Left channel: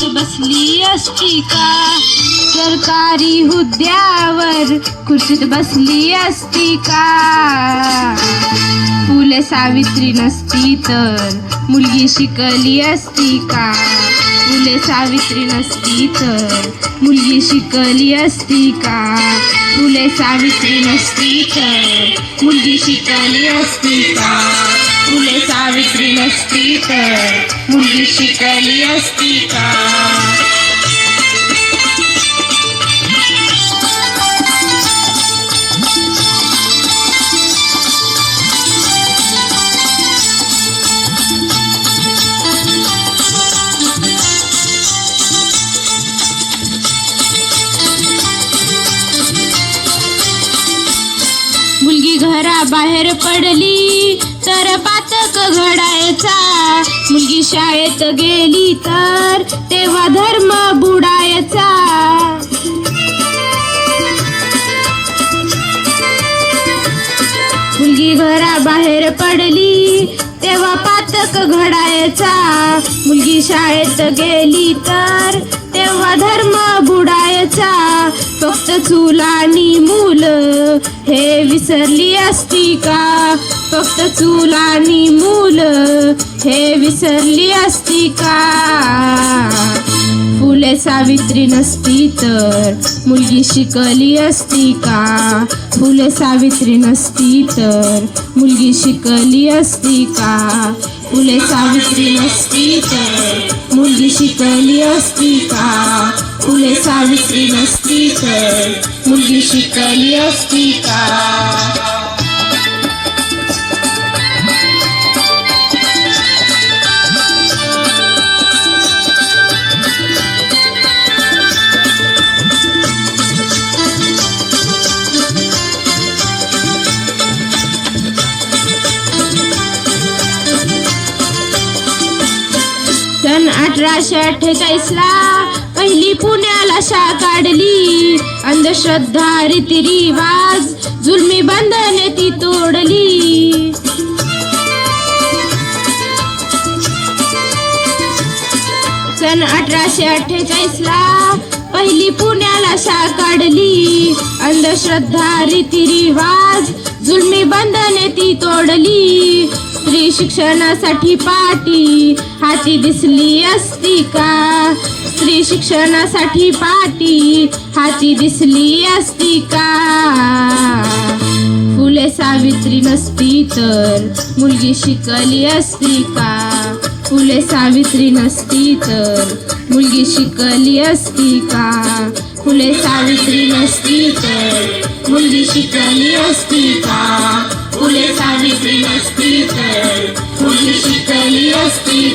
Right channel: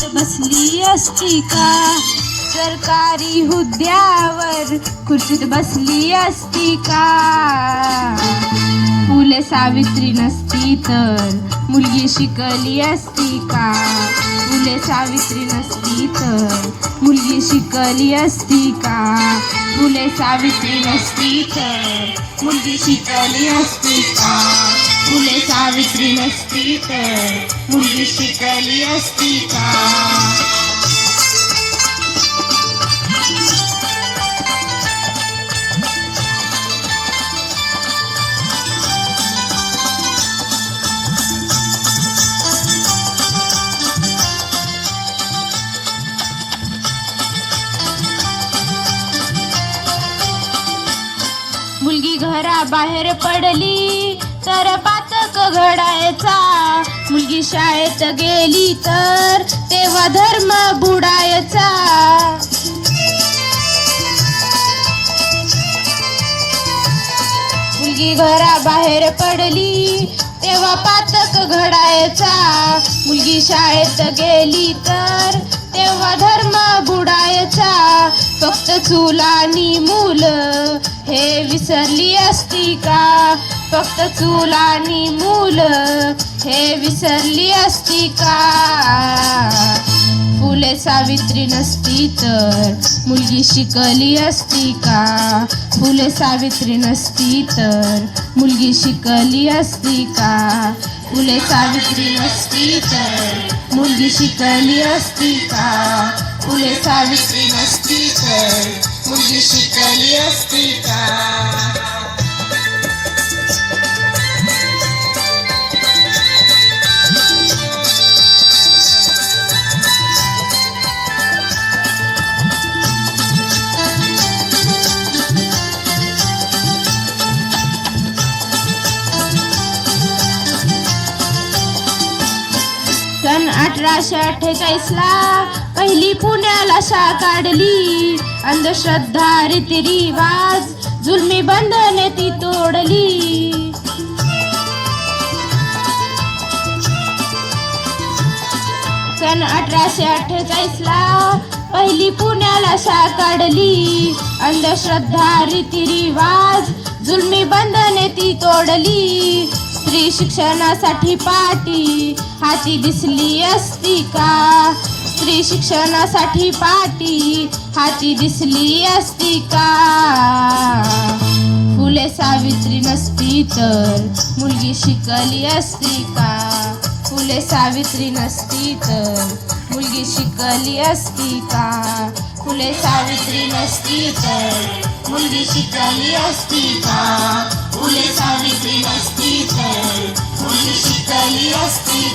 खुर्चीत बसली असती का? सरकारी हुद्द्यावर खुर्चीत बसली असती का? फुले सावित्री नसती तर मुलगी शिकली असती का? फुले सावित्री नसती तर मुलगी शिकली असती का? फुले सावित्री नसती तर मुलगी शिकली असती का? फुले सावित्री नसती तर मुलगी शिकली असती का? मुलगी घराबाहेर पडली तर पातक घडायचा. मुलगी शाळेत गेली तर तेव्हा धर्म बुडायचा. मुलगी घराबाहेर पडली तेव्हा पातक घडायचा. मुलगी शाळेत गेली तर तेव्हा धर्म बुडायचा. फक्त चूल आणि मुलं हे विसरली असती का? फक्त चूल आणि मुलं हे विसरली असती का? फुले सावित्री नसती तर मुलगी शिकली असती का? फुले सावित्री नसती तर मुलगी शिकली असती का? फुले सावित्री नसती तर मुलगी शिकली असती का? फुले सावित्री नसती तर मुलगी शिकली असती का? सन 1848ला पहिली पुण्याला शाळा काढली. अंधश्रद्धा रीतिरिवाज जुलमी बंधने ती तोडली. सन 1848ला पहिली पुण्याला शाळा काढली. अंधश्रद्धा रीतिरिवाज जुलमी बंधने ती तोडली. स्त्री शिक्षणासाठी पाटी हाती दिसली असती का? स्त्री शिक्षणासाठी पाटी हाती दिसली असती का? फुले सावित्री नसती तर मुलगी शिकली असती का? फुले सावित्री नसती तर मुलगी शिकली असती का? फुले सावित्री नसती तर मुलगी शिकली असती का? फुले सावित्री नसती तर मुलगी शिकली असती